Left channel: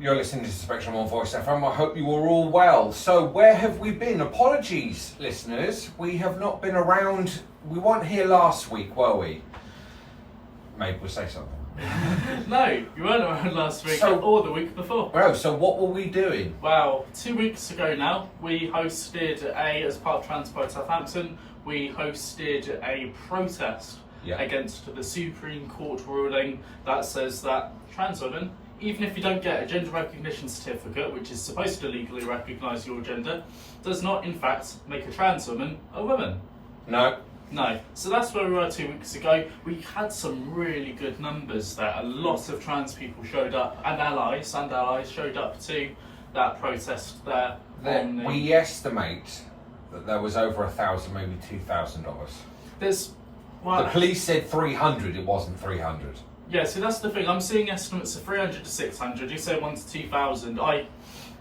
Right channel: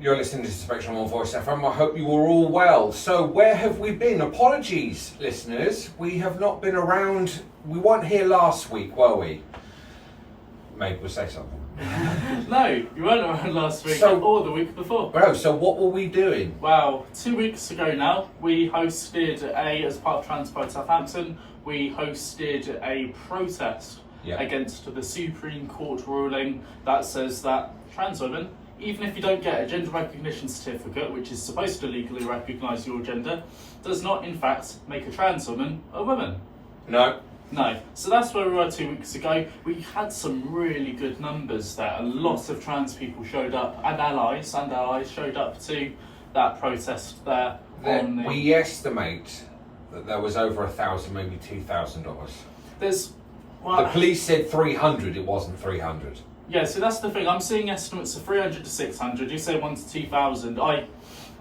You're listening to Spectrum on Voice FM. I hope you are all well. So, where have we been? Apologies, listeners. We have not been around. We weren't here last week, were we? Maybe we'll say something. No, you weren't around last week or the week before. Bro, so what were we doing? Well, 2 weeks ago now, we hosted as part of Trans Pride Southampton, we hosted a protest against the Supreme Court ruling that says that trans women, even if you don't get a gender recognition certificate, which is supposed to legally recognise your gender, does not in fact make a trans woman a woman. No. So that's where we were 2 weeks ago. We had some really good numbers there. A lot of trans people showed up, and allies showed up to that protest there. We estimate that there was over 1,000, maybe 2,000 of us. The police said 300, it wasn't 300. Yeah, so that's the thing. I'm seeing estimates of 300 to 600. You say 1,000 to 2,000.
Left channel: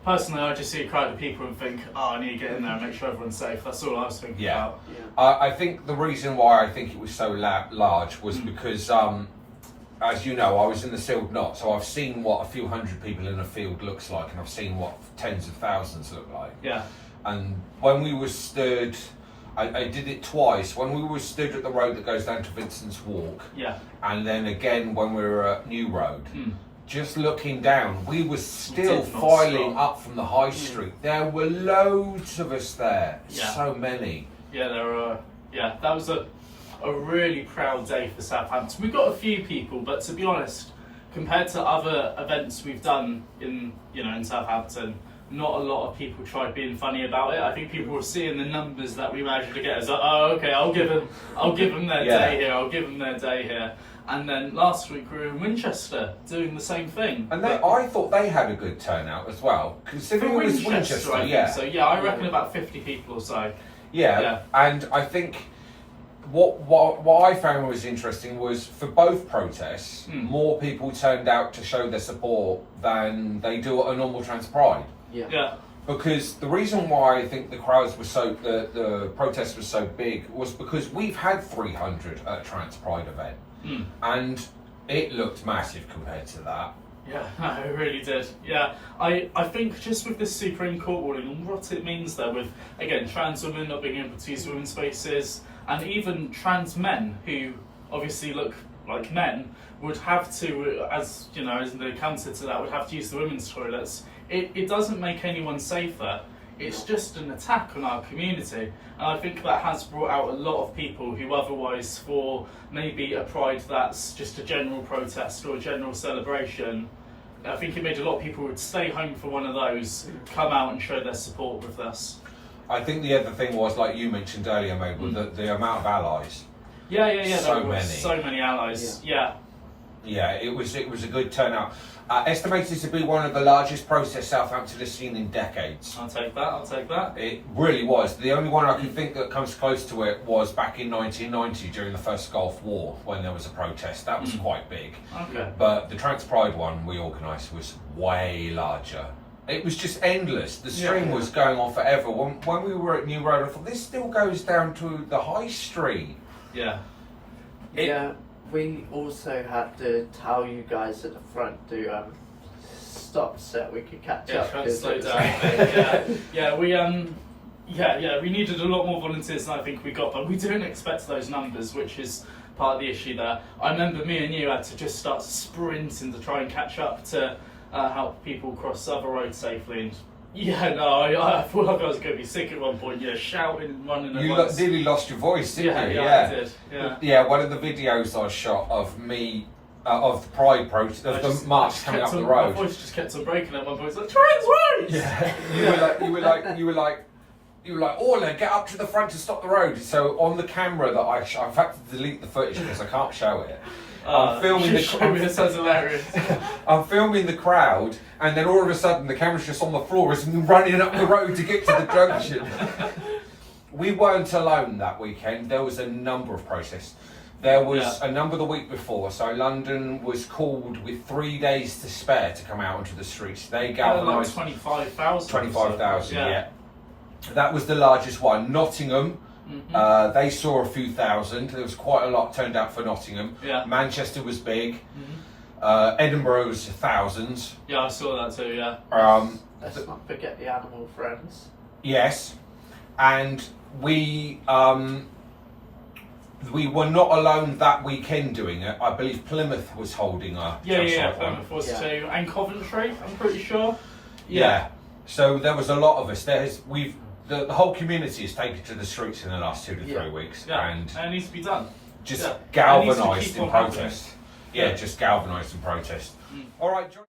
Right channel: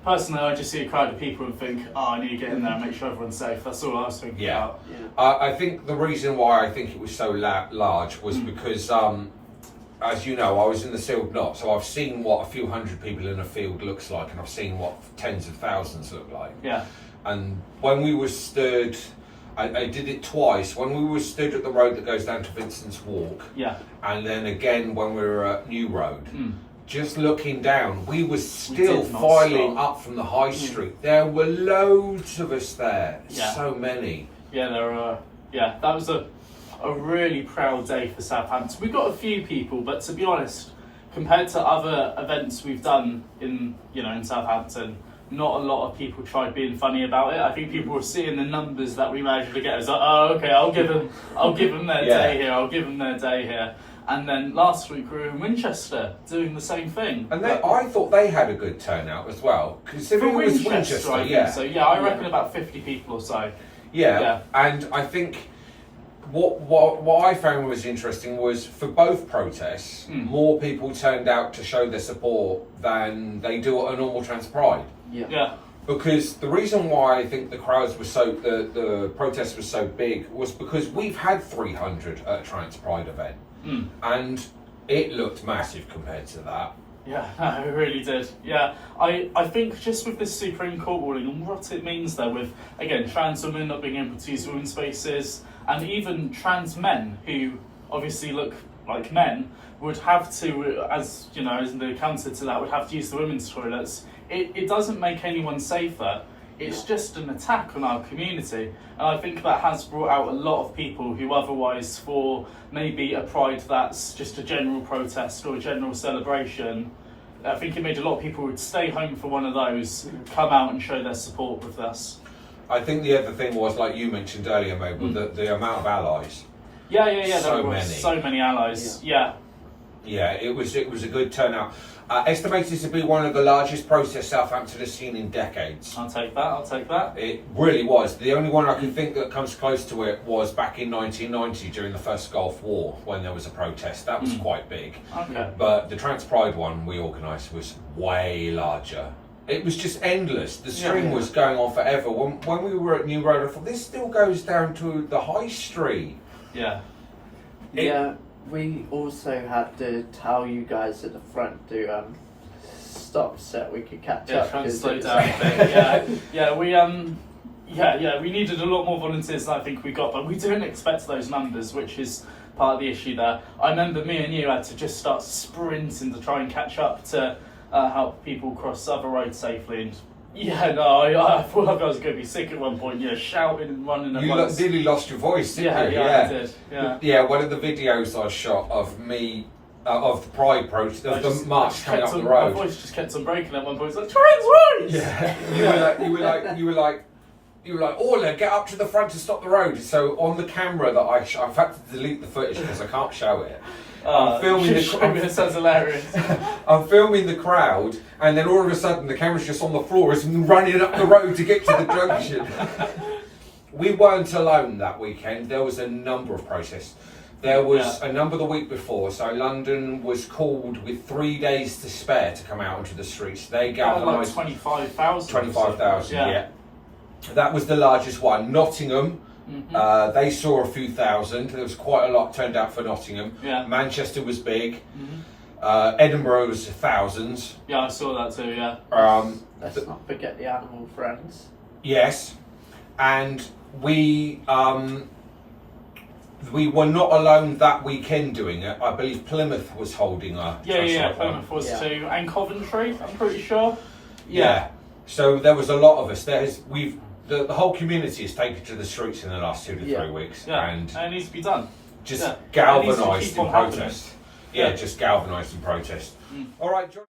Personally, I just see a crowd of people and think, I need to get in there and make sure everyone's safe. That's all I was thinking about. I think the reason why I think it was so large was because, as you know, I was in the sealed knot, so I've seen what a few hundred people in a field looks like, and I've seen what tens of thousands look like. Yeah. And when we were stood, I did it twice. When we were stood at the road that goes down to Vincent's Walk, and then again when we were at New Road, just looking down, we were still filing up from the high street. There were loads of us there, so many. Yeah, there were. Yeah, that was a really proud day for Southampton. We got a few people, but to be honest, compared to other events we've done in Southampton, not a lot of people tried being funny about it. I think people were seeing the numbers that we managed to get. It's like, oh, okay, I'll give them their day here. I'll give them their day here. And then last week we were in Winchester doing the same thing. And I thought they had a good turnout as well, considering it was Winchester. I reckon about 50 people or so. Yeah. And I think what I found was interesting was for both protests, more people turned out to show their support than they do at a normal Trans Pride. Yeah. Because the reason why I think the crowds were the protests were so big was because we've had 300 at a Trans Pride event, and it looked massive compared to that. Yeah, it really did. Yeah, I think just with this Supreme Court ruling and what it means there with, again, trans women not being able to use women's spaces, and even trans men who obviously look like men would have to, as the counter to that, would have to use the women's toilets. It doesn't make anyone safer. It's just an attack on our community, and I think that has brought out a lot of people who otherwise, for maybe a pride that's just a general protest or a general celebration, I think it made a lot of people who would stay home for one of those come out and show their support with us. I think the other thing was, like you mentioned earlier, Mabel, the amount of allies. Yeah. So many allies. Yeah. Yeah, it was a good turnout. Estimated to be one of the largest protests Southampton has seen in decades. I'll take that. It really was. The only one I can think that comes close to it was back in 1990 during the first Gulf War when there was a protest. That was quite big. Okay. But the Trans Pride one we organised was way larger. It was just endless. The string was going on forever. When we were at New Road, I thought, this still goes down to the high street. Yeah. We also had to tell you guys at the front to stop so we could catch up. Try and slow down. We needed a lot more volunteers than I think we got, but we didn't expect those numbers, which is part of the issue there. I remember me and you had to just start sprinting to try and catch up to help people cross other roads safely. And I thought like I was going to be sick at one point, shouting and running. You nearly lost your voice, didn't you? I did. Yeah, one of the videos I shot of me, of the Pride protest, of the march coming up the road. My voice just kept on breaking at one point. It's like, trans rights! Yeah, you were like, Orla, get up to the front to stop the road. So on the camera that I've had to delete the footage because I can't show it. I'm filming it sounds hilarious. I'm filming the crowd, and then all of a sudden the camera's just on the floor as I'm running up the road to get to the junction. We weren't alone that weekend. There was a number of protests. There was a number the week before, so London was called with 3 days to spare to come out onto the streets. They gathered like 25,000. 25,000, yeah. That was the largest one. Nottingham, they saw a few thousand. There was quite a lot turned out for Nottingham. Yeah. Manchester was big. Edinburgh's thousands. Yeah, I saw that too. Yeah. Let's not forget the animal friends. Yes, and we were not alone that weekend doing it. I believe Plymouth was holding a Yeah. one. Plymouth was too, and Coventry. I'm pretty sure. Yeah. So there was a lot of us. The whole community has taken to the streets in the last 2 to 3 weeks, Yeah. and it needs to be done. just It needs to galvanised keep in on happening. protest. Yeah, Yeah. just galvanised in protest. All right, John.